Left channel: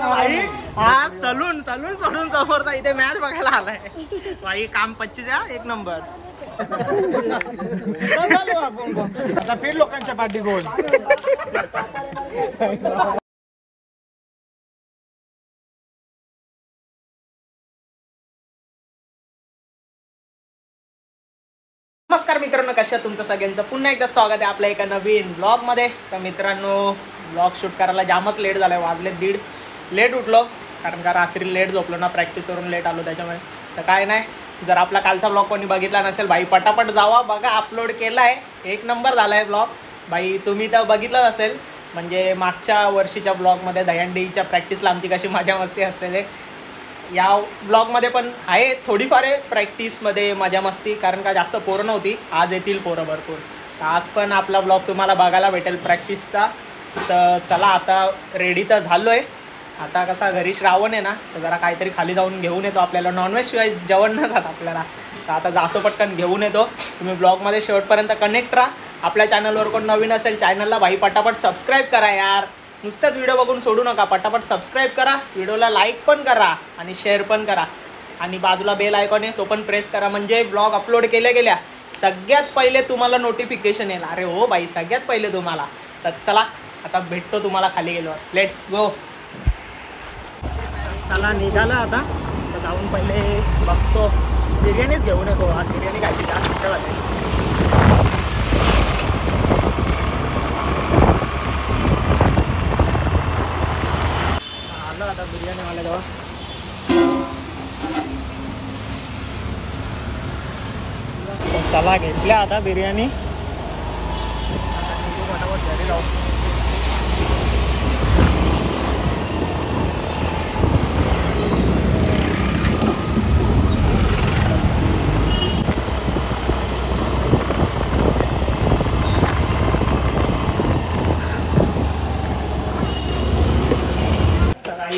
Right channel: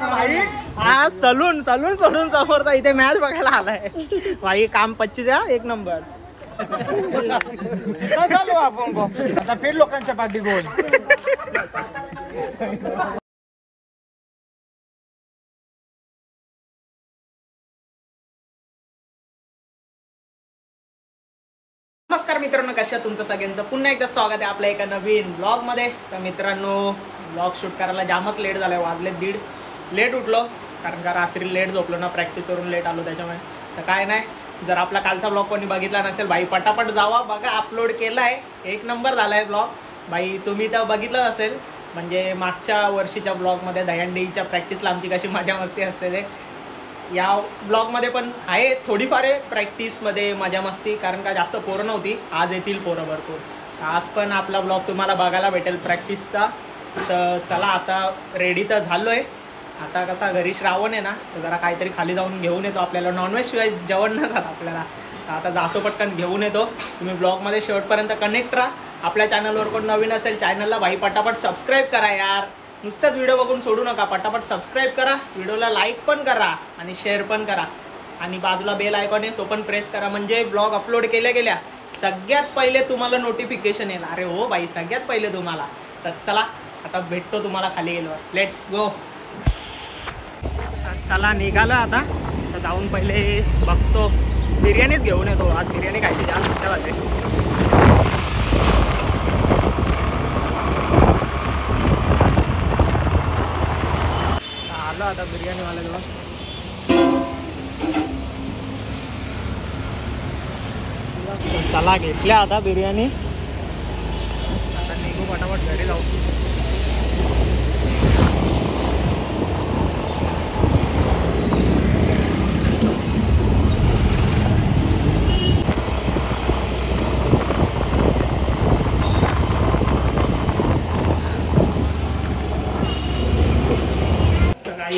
भाई हा सलून सोडून समोरचा इथे मॅच बघायला आलाय भाई. काम 25 1 नंबर. आपण आता फेड लोकांच्या पाठी गोल. नमस्कार मित्रांनो, कशा तुमचं सगळ्यांचं पुन्हा एकदा स्वागत आहे आपल्या एका नवीन ब्लॉग मध्ये. तर मित्रांनो, ब्लॉग शूट करायला जामच लेट झालाय. वाजले 1:30. लेट उठलो कारण का रात्री लेट झोपलो ना, प्रॅक्टिसवरून लेट आलो त्याच्यामुळे. तर काय नाही, जर आपला कालचा ब्लॉग कोणी बघितला नसेल भाई पटापट जावा बघा. अपलोड केलाय, 1 नंबर झालाय ब्लॉग भाई. तुम्ही तर बघितलंच असेल. म्हणजे मागच्या वर्षीच्या ब्लॉगमध्ये दहीहंडीच्या प्रॅक्टिसला आमची कशी मजा मस्ती असते, या ब्लॉगमध्ये पण आहे थोडीफार आहे प्रॅक्टिसमध्ये मजा मस्ती. कारण का जास्त पोरं नव्हती, आज येतील पोरं भरपूर. तर आज पण आपला ब्लॉग तुम्हाला बघायला भेटेल प्रॅक्टिसचा. तर चला आता रेडी तर झालो आहे. आता कसा घरी श्रावण आहे ना, तर जरा काहीतरी खाली जाऊन घेऊन येतो. आपल्याला नॉनव्हेज शिवाय जेवण न जात आपल्याला. तर आता जातो पटकन घेऊन येतो. तुम्ही ब्लॉगमध्ये शेवटपर्यंत कनेक्ट राहा. आपल्या चॅनलवर कोण नवीन असेल चॅनलला भाई पटापट सबस्क्राईब करा यार. नुसतंच व्हिडिओ बघून सोडू नका, पटापट सबस्क्राईब करा, व्हिडिओला लाईक पण करा आणि शेअर पण करा. आणि बाजूला बेल आयकॉन आहे तो पण प्रेस करा, म्हणजे ब्लॉग अपलोड केल्या सगळ्यात पहिले तुम्हाला नोटिफिकेशन येईल. अरे हो बाई, सगळ्यात पहिले तुम्हाला. तर चला आता भेटतो तुम्हाला खाली गेल्यावर. Let's go. चला निघालं आता. तर जाऊन पहिले बघतो, बिर्याणीच घेऊन येतो. आज बिर्याणी खायची जाम इच्छा झाली. आलो आता बिर्याणी वाल्याजवळ. चला घेतल्या आता बिर्याणी. आता निघू फटाफट घरी जाऊ.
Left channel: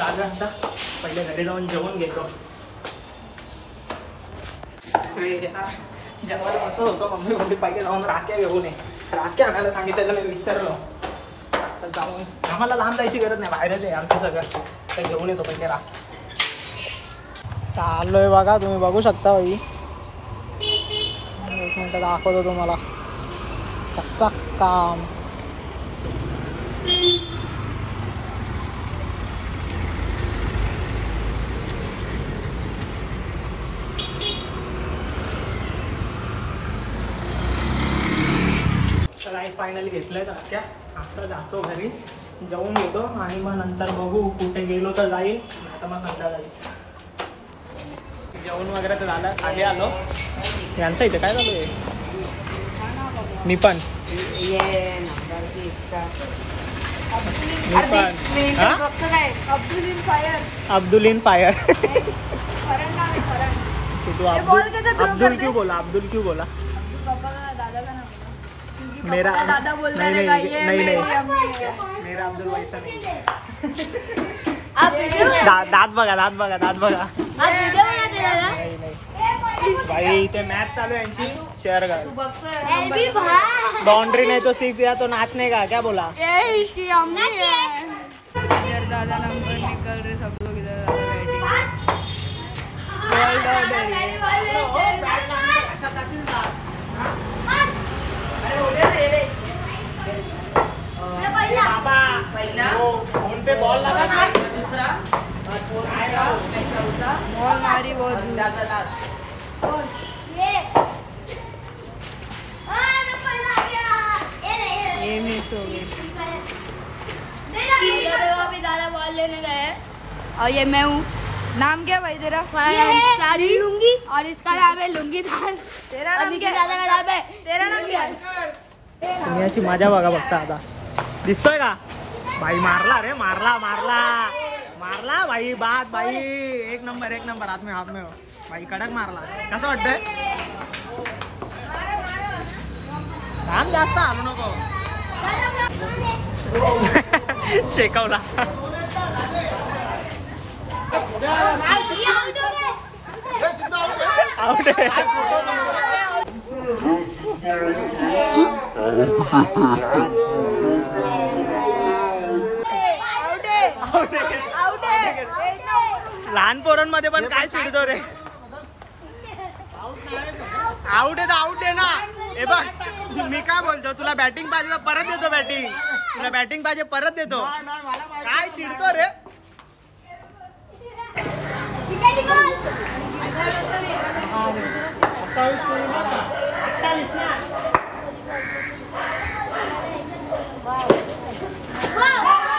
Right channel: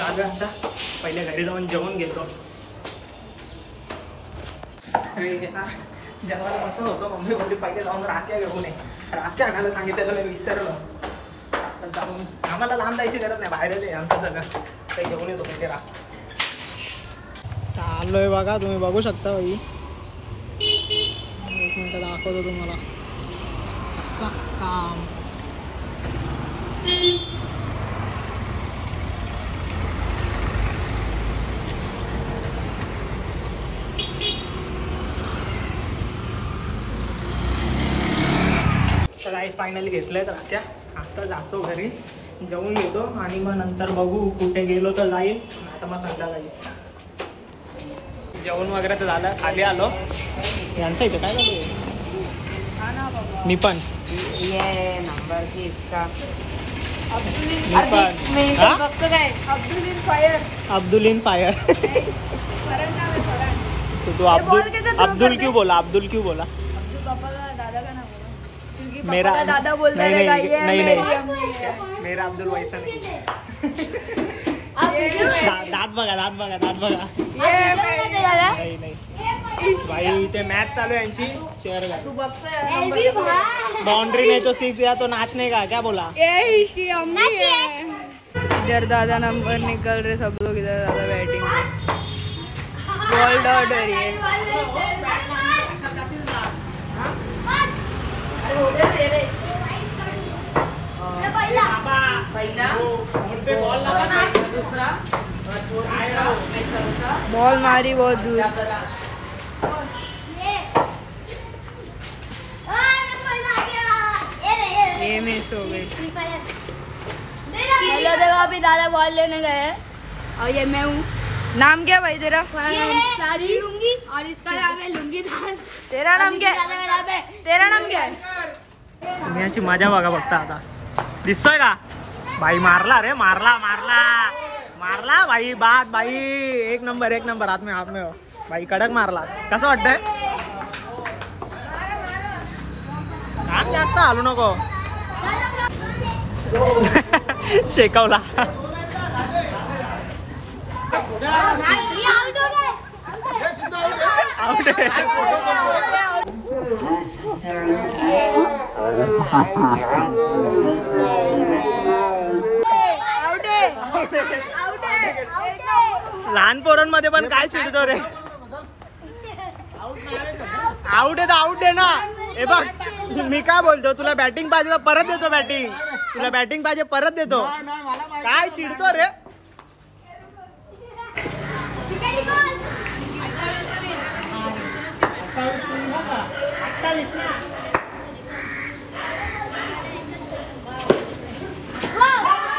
आता पहिले घरी जाऊन जेवण घेतो. जेवण मस्त होतं. मम्मी बोलली पहिले जाऊन राख्या घेऊन ये. राख्या आणायला सांगितलं, मी विसरलो. पण जाऊन आम्हाला लांब जायची गरज नाही, बाहेरच आहे आमचं सगळं. काही घेऊन येतो पहिले राख्या. आलोय बघा, तुम्ही बघू शकता बाई. 1 मिनिट दाखवतो तुम्हाला कसं काम. तर आईस फायनली घेतलंय तर आता जातो घरी, जेवून घेतो आणि मग नंतर बघू कुठे गेलो तर जाईल. आता मग संध्याकाळीच जेवण वगैरे तर झालं. खाली आलो. यांचं इथे काय चालू आहे? मी पण अब्दुल इन फायर. तू अब्दुल क्यों बोला? अब्दुल क्यों बोला? मेरा दादा बोलता है मेरा अब्दुल वैसा नहीं. दात बघा. नाही भाई, ते मॅच चालू आहे यांची. शेअर का बाउंड्री नहीं तो 6 या तो नाचने का क्या बोला? इधर दादा नंबर निकल रहे सब लोग. इधर दादा बैटिंग. वर्ल्ड ऑर्डर ये बॉल मारी बहुत दूर. ये मिस हो गई. अभी दादा बॉल लेने गए और ये मैं हूँ. नाम क्या भाई तेरा? सारी लुंगी और इसका नाम है लुंगी दान. तेरा नाम क्या? तेरा नाम क्या है? याची मजा बघा बघता आता. दिसतोय का भाई? मारला रे, मारला भाई. बात भाई 1 नंबर. हात में हो भाई. कडक मारला. कसं वाटतंय? काम जास्त हालू नको. शेकवला. आउट आहे. लहान पोरांमध्ये पण काय चिडतो रे. आउट आहे ना. हे बघ मी काय बोलतो, तुला बॅटिंग पाहिजे परत देतो बॅटिंग. तुला बॅटिंग पाहिजे परत देतो. काय चिडतो रे.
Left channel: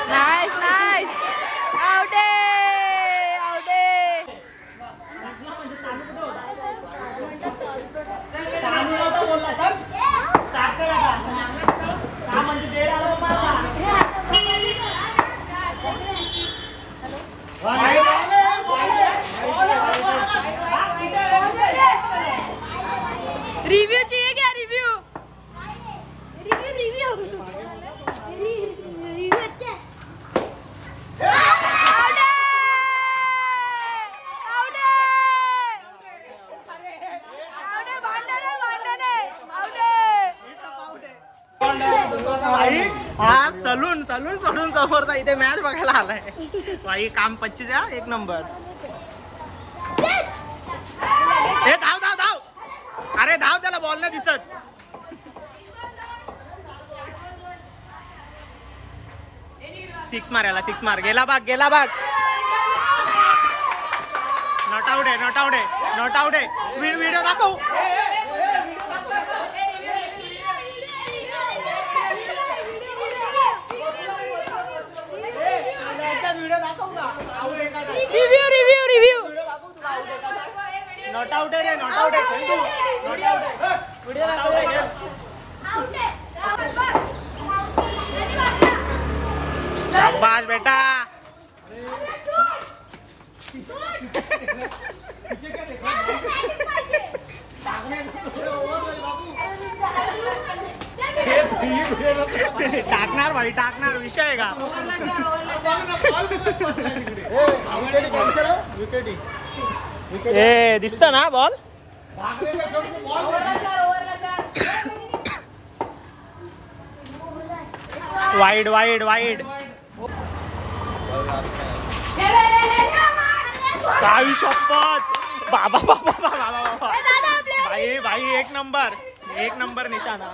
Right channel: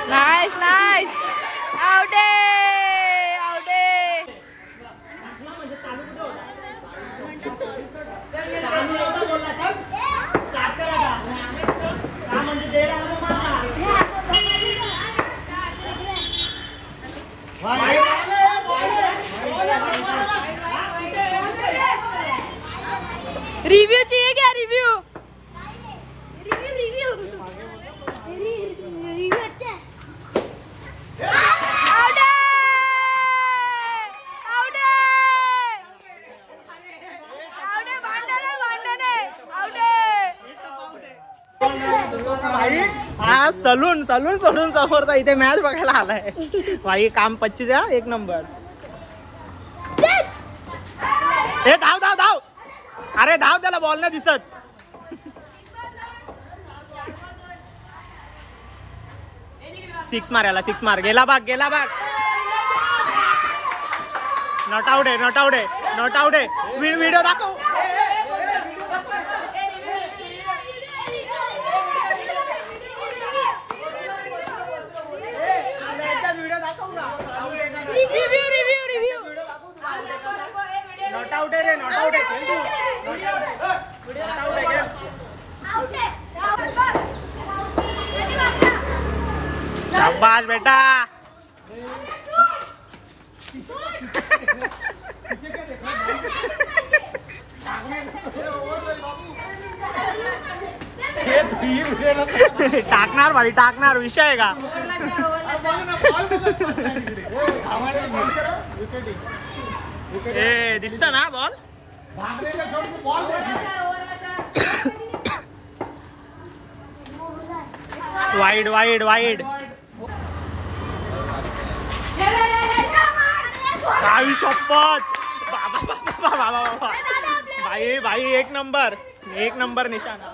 Nice nice. आउट आहे, आउट आहे. रिव्यू चाहिए क्या? रिव्यू भाई हा सलून सोडून समोरचा इथे मॅच बघायला आलाय भाई. काम 25 एक नंबर. हे धाव धाव धाव. अरे धाव, त्याला बॉल नाही दिसत. सिक्स मार याला, सिक्स मार. गेला बाग. नॉट आउट आहे. व्हिडिओ दाखव. व्हिडिओ दाखव का? रिव्यू नॉट आउट आहे रे. नॉट आउट आहे. खेळ तू. नॉट आउट आहे. नॉट आउट आहे. खेळ. शाबाश बेटा. टाकणार भाई, टाकणार. विषय आहे का? ए दिसत ना बॉल. वाईड. काही शपथ. बाबा भाई एक नंबर निशाणा.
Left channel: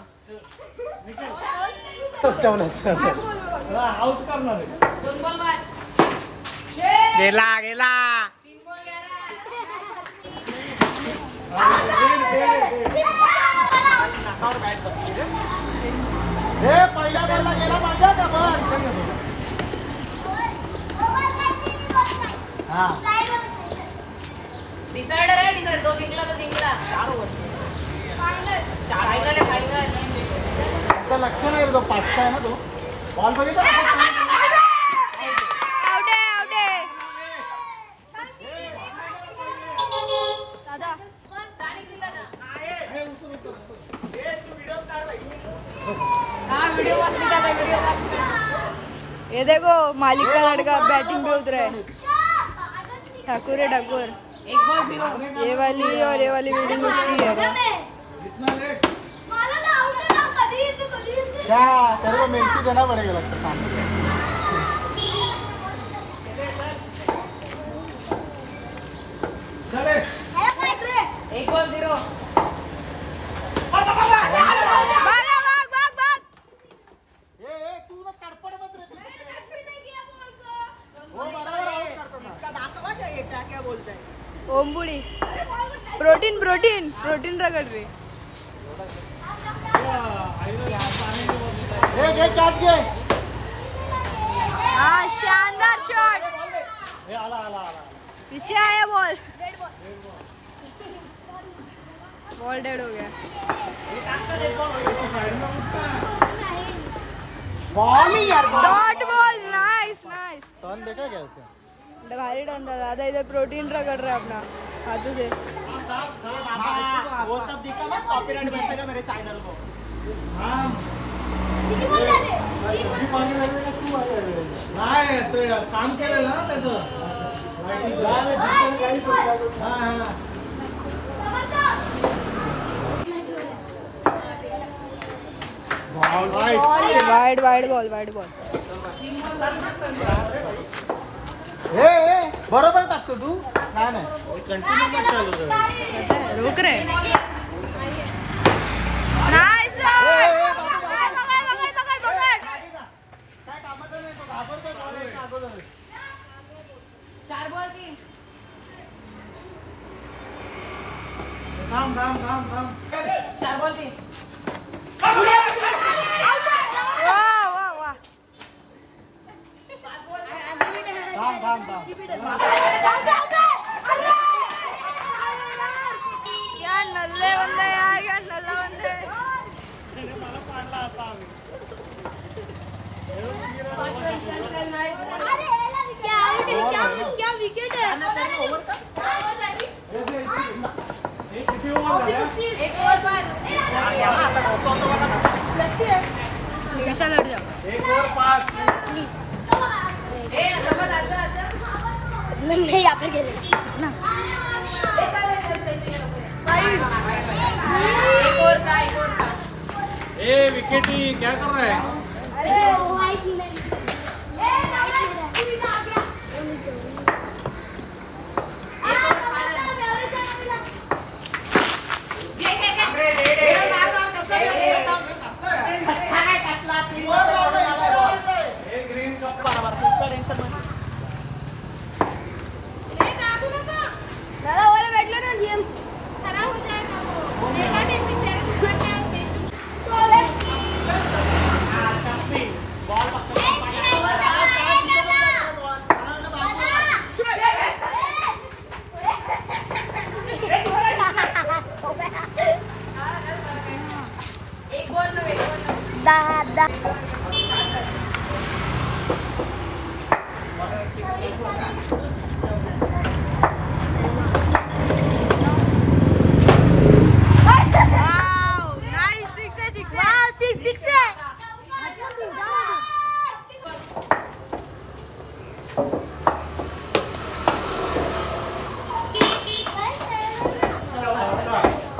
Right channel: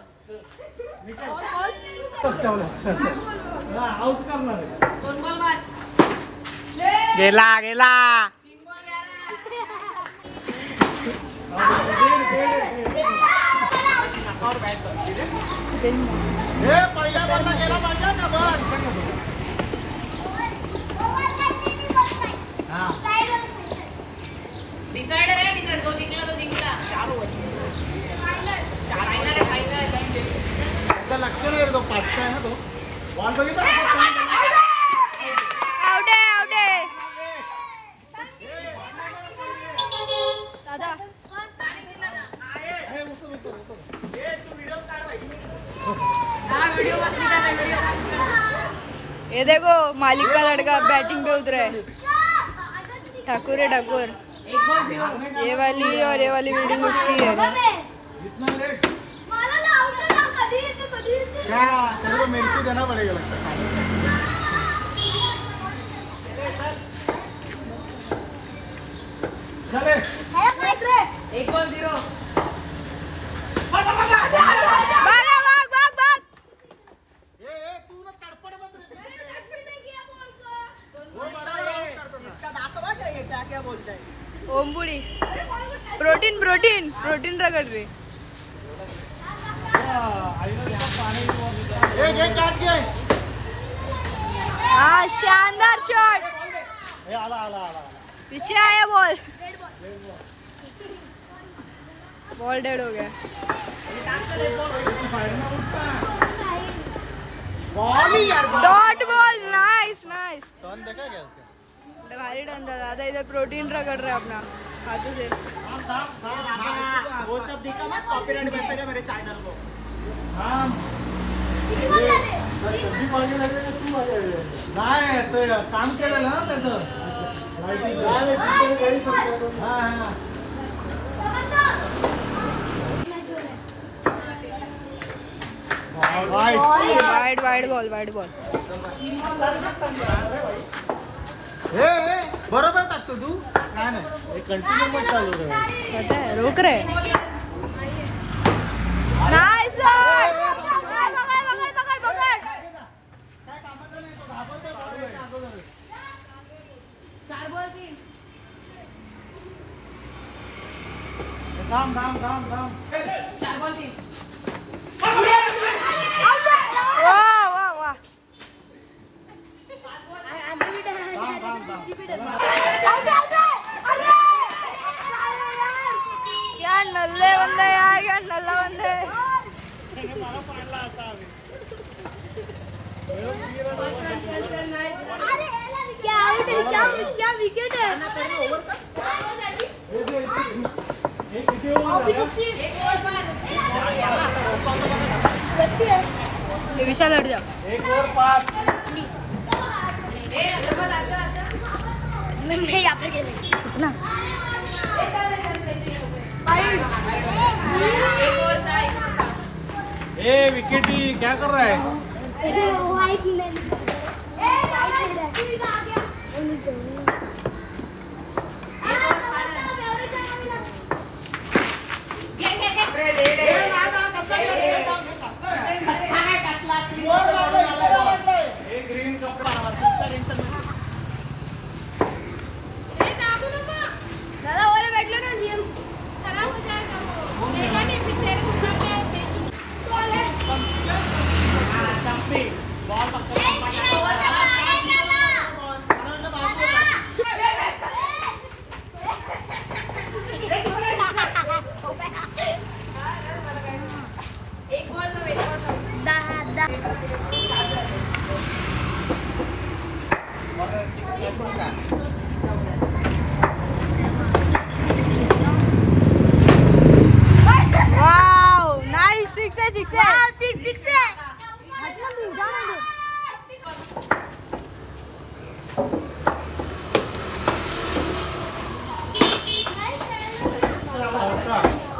गेला. लक्ष नाही तो पाचचा आहे ना तो. बॉल बघितला. आउट आहे. दादा ये देखो मालिक का लड़का बैटिंग पे उतरा है. ठाकुर है ठाकुर. ये वाली और ये वाली बिल्डिंग उसकी है. क्या मेंसी देना पड़ेगा लगता है. एक बॉल 0. क्या बोलते हैं? ओमबुड़ी. प्रोटीन रगड़ रहे. हाँ शानदार शॉट. पीछे आया बॉल डेड हो गया. Dot ball. नाइस. भारी डन था दादा. इधर प्रोटीन रगड़ रहा है अपना हाथों से. वो सब दिखा मत. कॉपीराइट बचेगा मेरे चैनल को. नाही ते काम केलेलं ना त्याचं. Wide ball. हे बरोबर टाकतो तू काय नाही कंटिन्यू पण चालू कर. पता है रोक रहे नाइस शॉट पकड़ काय कामाचं नाही तो घाबरतो बॉल येतो अगोदर. थांब. वाह वाह वाह क्या नल्ले बंदे यार क्या नल्ला बंदे क्या विकेट है विशाल हट जाओ. 1 ओव्हर 5. यहाँ पर खेले कितना ए विकेटी क्या कर रहा है? ग्रीन कप टेन्शन नाही. वाओ नाइस सिक्स है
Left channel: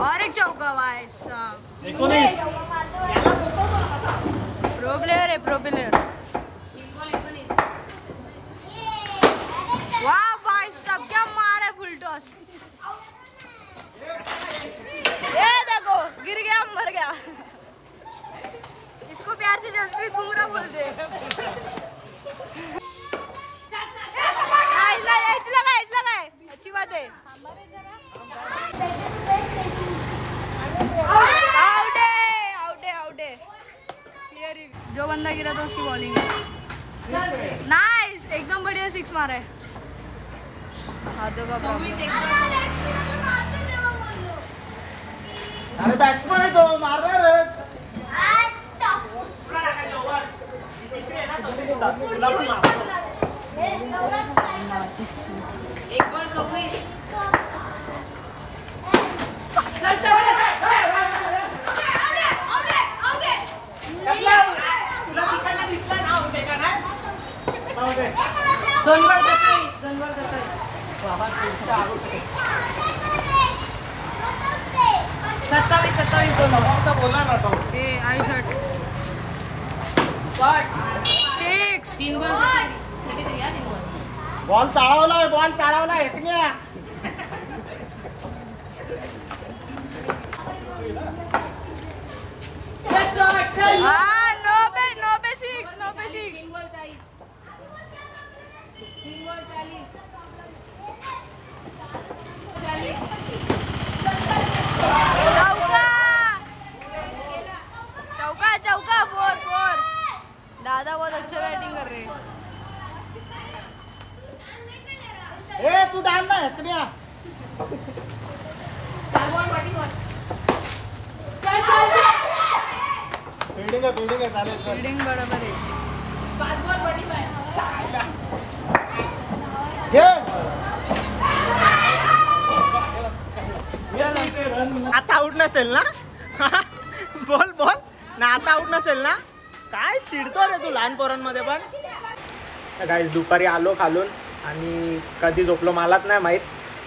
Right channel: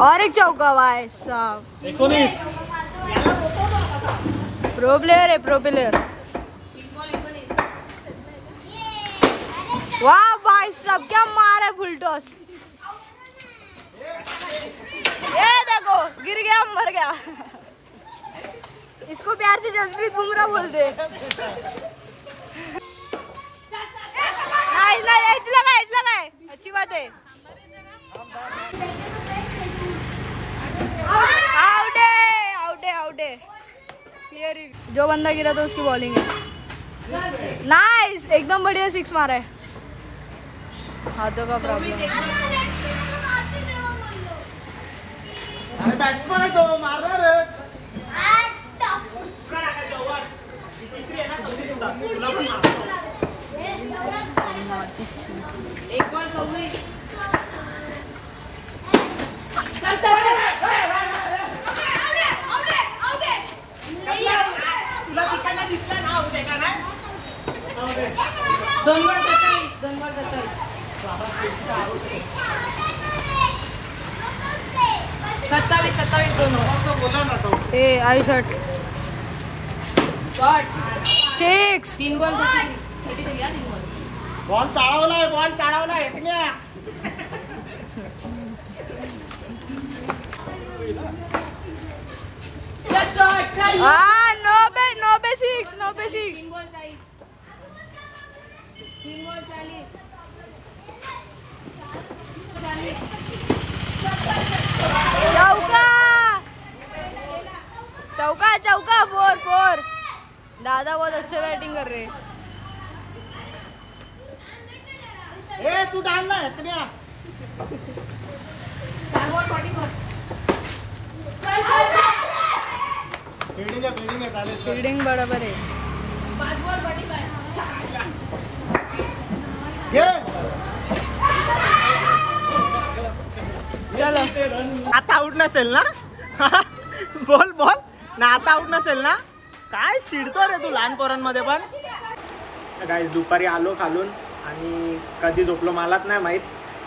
और एक चौका भाई साहब 19. प्रो प्लेयर है प्रो प्लेयर वाह भाई साहब क्या मार है फुल टॉस ये देखो गिर गया मर गया इसको प्यार से जसप्रीत बुमराह बोलते एज लगा है अच्छी बात है आउट है क्लियर जो बंदा गिरा था उसकी बॉलिंग है नाइस एकदम बढ़िया सिक्स मारा है हाथों का प्रॉब्लम अरे बॅट्समन आहे तो मारणारच. तिसरी आहे ना चौथी तुला पण मार. तुला तिकडला दिसला ना होते का नाही. 2 बॉल 27 बोला ना तो. ए आई शॉट 6 बॉल चाळवलाय एकण्या. नो पे 6 चौका 4 दादा बहुत अच्छे बैटिंग कर रहे हैं. ए तू डाल ना एकण्या. फील्डिंग आहे चालेल. फील्डिंग बराबर है. घे. चलो आता आउट नसेल ना. बोल ना आता आउट नसेल ना. काय चिडतो रे तू लहान पोरांमध्ये पण. गाईस दुपारी आलो खालून आणि कधी झोपलो मलाच नाही माहीत.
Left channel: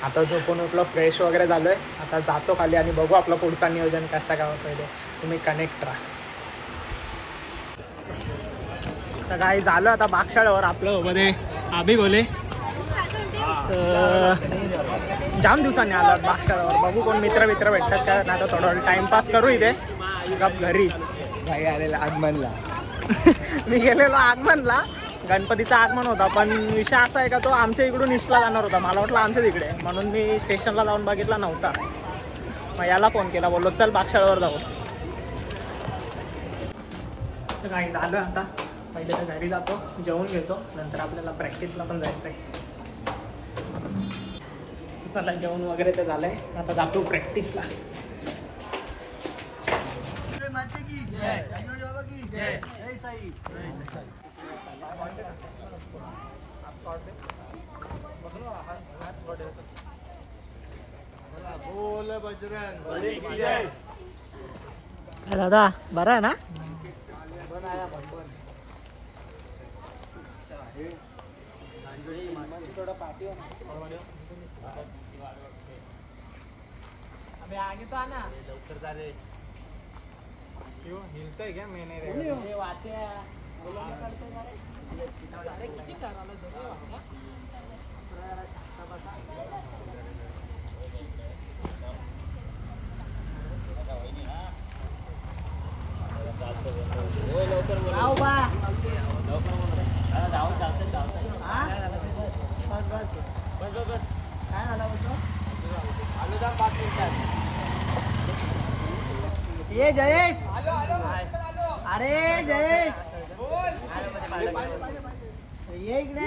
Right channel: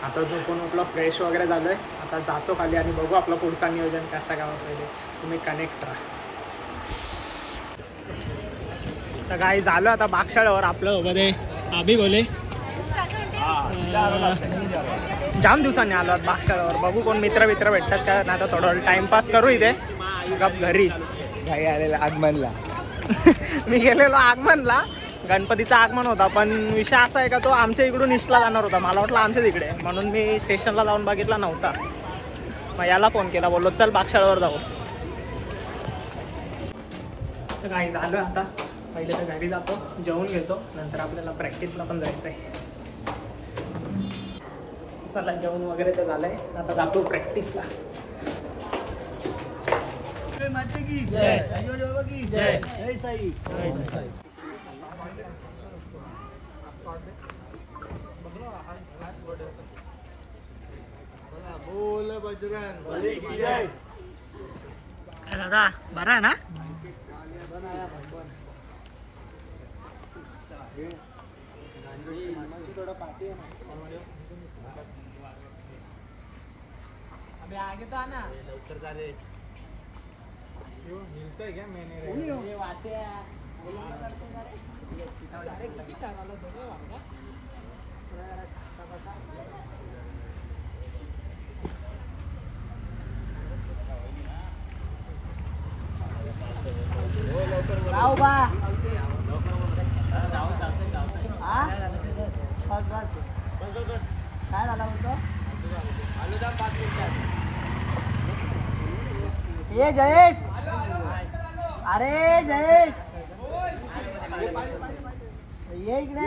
आता झोपून उठलो फ्रेश वगैरे झालोय. आता जातो खाली आणि बघू आपलं पुढचं नियोजन कसं काय होतं ते. तुम्ही कनेक्ट राहा. तर गाईस आलो आता बागशाळावर. आपलं मध्ये आभी बोले जाम दिवसांनी आलो बागशाळावर. बघू कोण मित्र भेटतात का, नाही तर थोडं टाइमपास करू इथे गप घरी. भाई आलेला आगमनला. मी गेलेलो आगमनला, गणपतीचं आगमन होता, पण विषय असा आहे का तो आमच्या इकडून ईस्टला जाणार होता. मला वाटलं आमच्याच इकडे, म्हणून मी स्टेशनला जाऊन बघितला नव्हता. मग याला फोन केला, बोललो चल बागशाळावर जाऊ. तर काही झालं आता, पहिले तर घरी जातो, जेवून घेतो, नंतर आपल्याला प्रॅक्टिसला पण जायचं आहे. चला जेवण वगैरे तर झालंय, आता जातो प्रॅक्टिसला. बोल बजरंग. दादा बरं आहे ना? अबे आगे तो आना. लवकर जा रे. हिलतोय क्या मैंने राव बा काय झाला बोलतो? ये जयेश, अरे जयेश ये इकडे.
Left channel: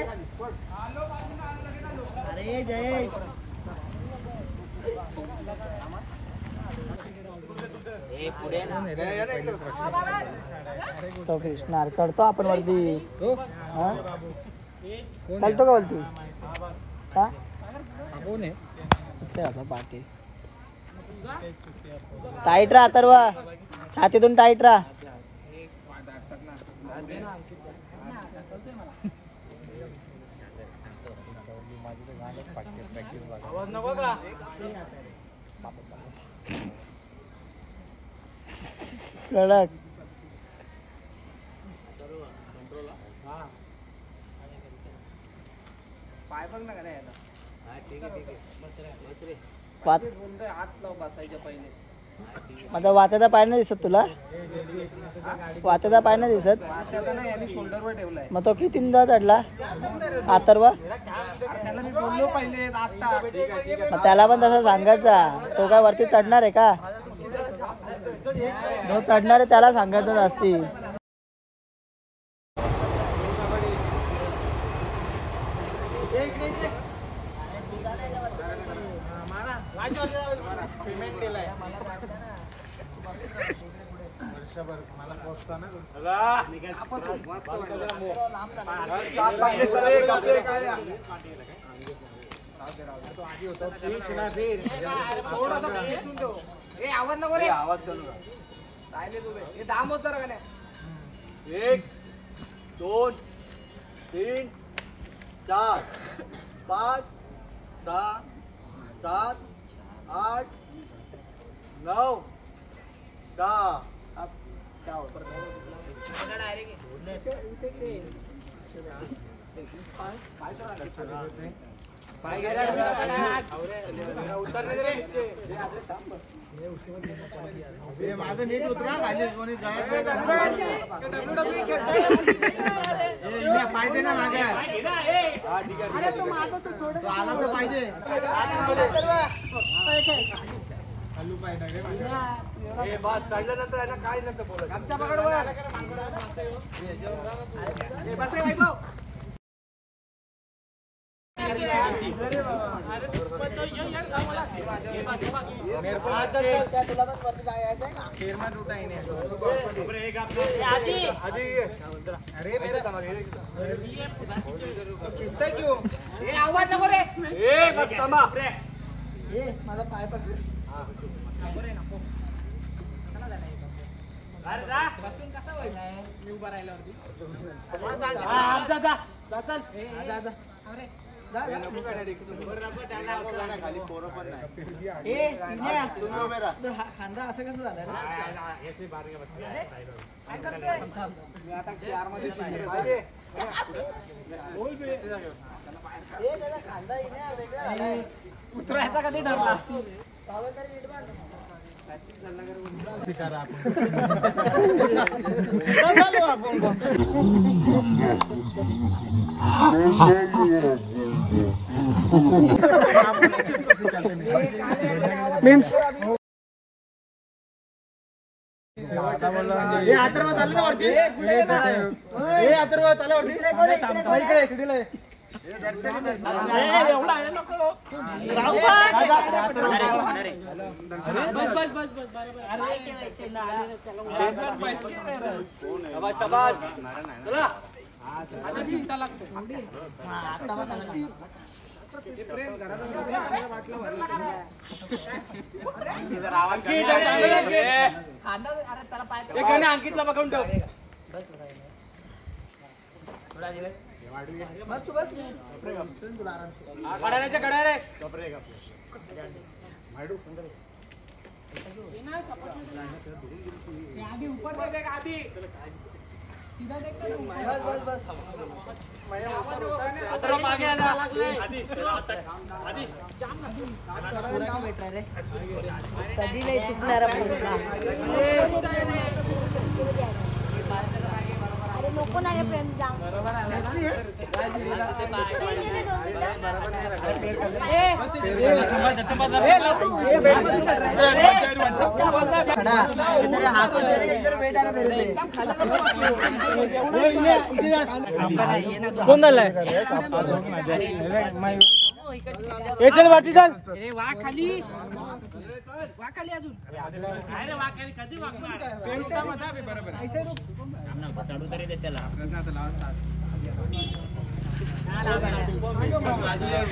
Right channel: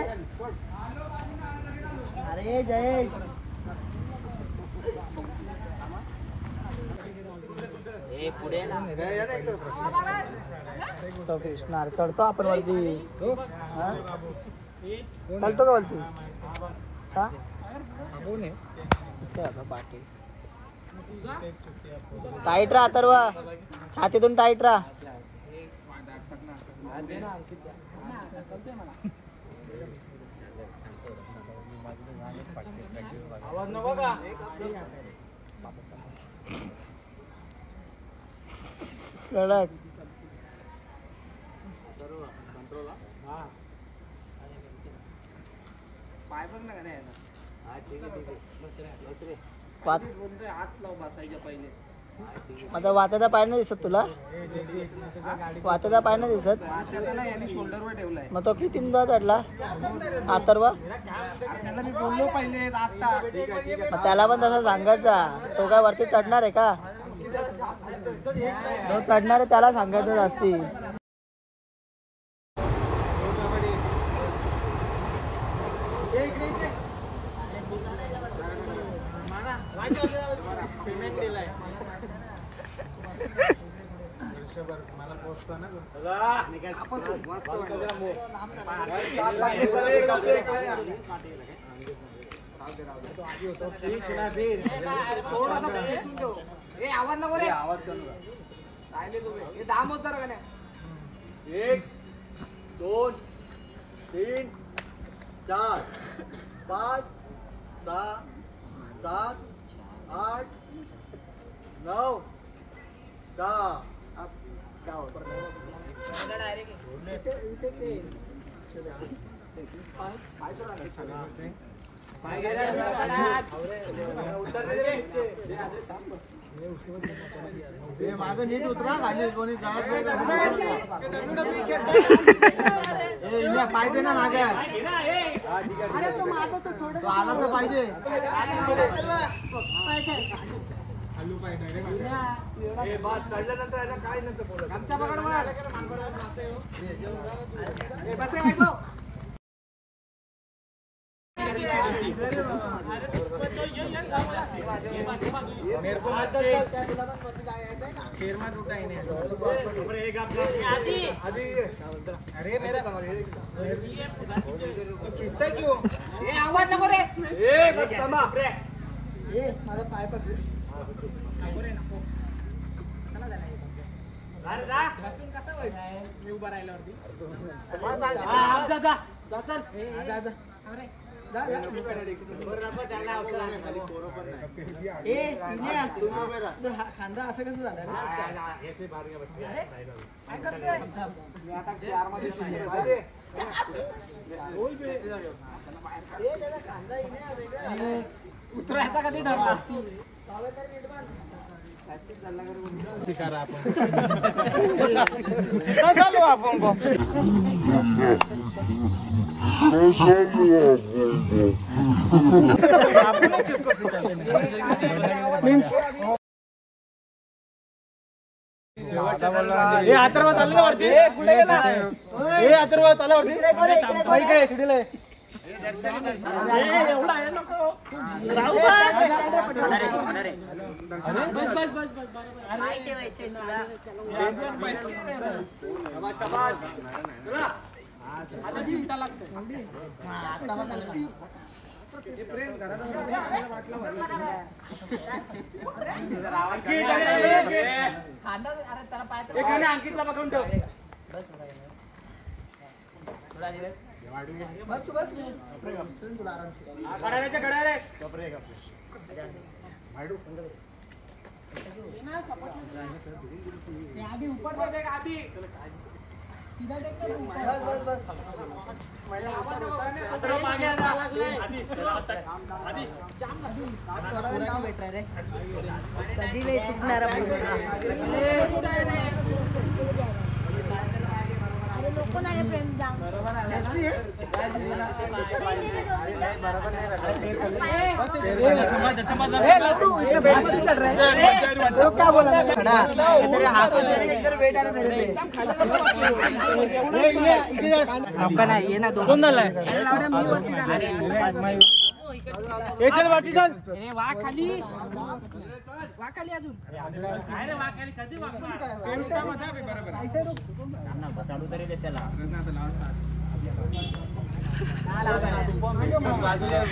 अरे जयेश पुढे ना तो कृष्णा चढतो आपण वरती. चालतो का वरती? टाईट राहा तर छातीतून टाईट राहा. आवाज नको का? कडक पाय बघ ना. हात लाव बसायच्या पहिले. माझा वात्याचा पाय नाही दिसत तुला? वात्याचा पाय नाही दिसत? शोल्डरवर ठेवलाय. मग तो कितींदा चढला अथर्व? त्याला मी बोललो पहिले आता. त्याला पण तसं सांगायचा. तो काय वरती चढणार आहे का? तो चढणार आहे त्याला सांगायचं असती. पेमेंट केलाय वर्षभर मला पोहोचतो ना. आवाज नको रे. आवाज दाम होत जरा. 1 2 3 4 5 6 7 8 9 10. माझं नीट उतरा खाली कोणी पाहिजे ना माझ्या. तो आला तर पाहिजे. चढल्यानंतर याला काय नंतर बोलत आमच्या अरे मेरा खिचताय क्यों? आवाज नको रे. माझा पाय पकड. मी उभा राहिल्यावरती खांदा असं कसं झालं रे? उतरायचा कधी ठरला अथर्व चाललं वरती अथर्व चालला वरती एवढा आहे नको राहू अंकितला बघून ठेव कडाऱ्याच्या कड्या रे आधी ऊपर दे देख आधी सीधा देख बस बस आता मागे आजा आधी आधी पूरा की बैठ रहा रे कधी नाही बरोबर आला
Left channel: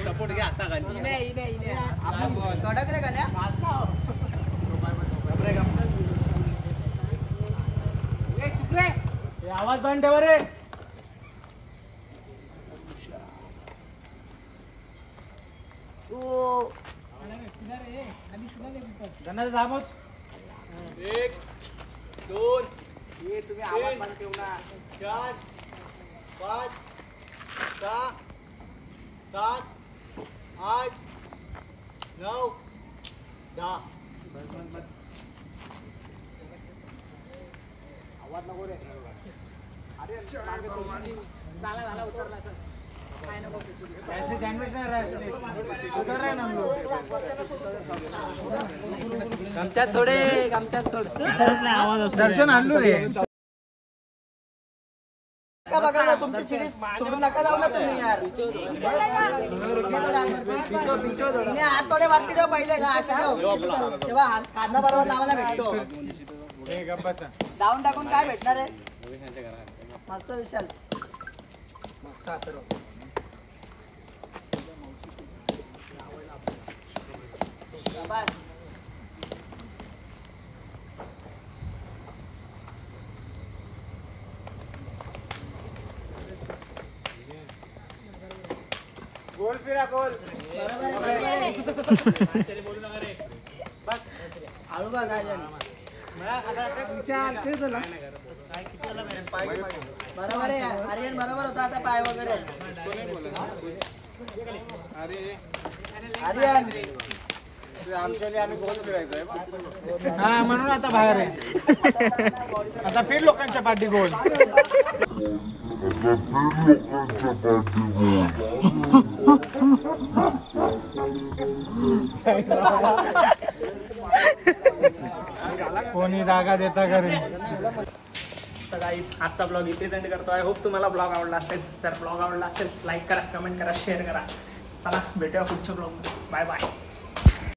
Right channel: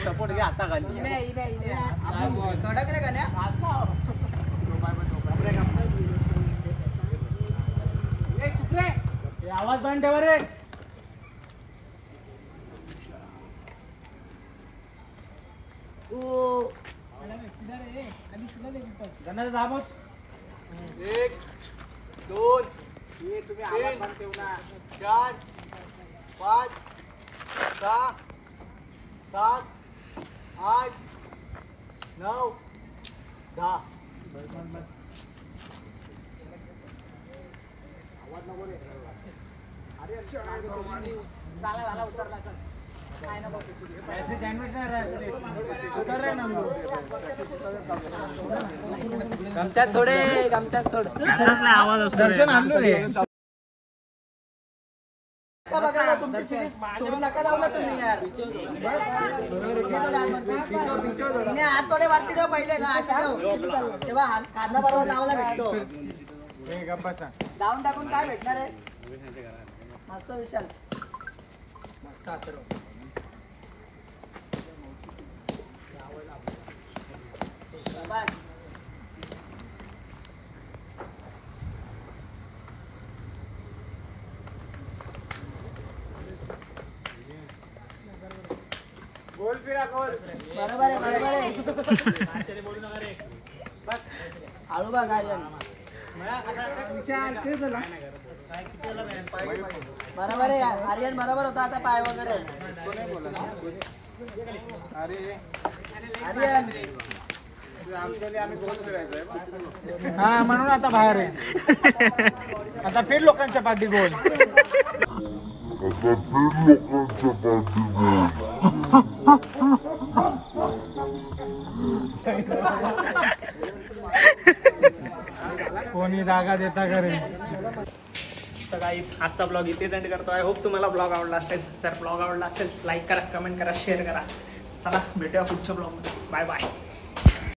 सपोर्ट घ्या आता कडक रे गाण्या आवाज बंद ठेवा रे दाबच 1 2 तुम्ही आवाज बंद ठेवला 4 5 6 7 8 9 10 आवाज नको रे अरे झाला उतरला सर काय नको ऐसे सँडविच नाही उतर रे ना गमच्यात सोडे गमच्यात सोड आवाज असतो दर्शन आणलो रे बघा तुमची सिरीज सोडून नका जाऊ ना तुम्ही यार हात थोडे वरती ठेव पहिले का अशा ठेव तेव्हा कांदा बरोबर लावायला भेटतो डाऊन टाकून काय भेटणार आहे मस्त विशाल मस्त अथर्व गोल फिरा गोल बरोबर बोलू नका रे बस आळू बघ काय विशाल ते झाला बरोबर आहे आर्यन बरोबर होता आता पाय वगैरे अरे आर्यन हा म्हणून आता बाहेर आहे आता फिर लोकांच्या पाठी गोल कोणी जागा देता का रे तर गाईज आजचा ब्लॉग इथेच एंड करतो. आय होप तुम्हाला ब्लॉग आवडला असेल. जर ब्लॉग आवडला असेल लाईक करा, कमेंट करा, शेअर करा. चला भेटूया पुढच्या ब्लॉगमध्ये. Bye bye.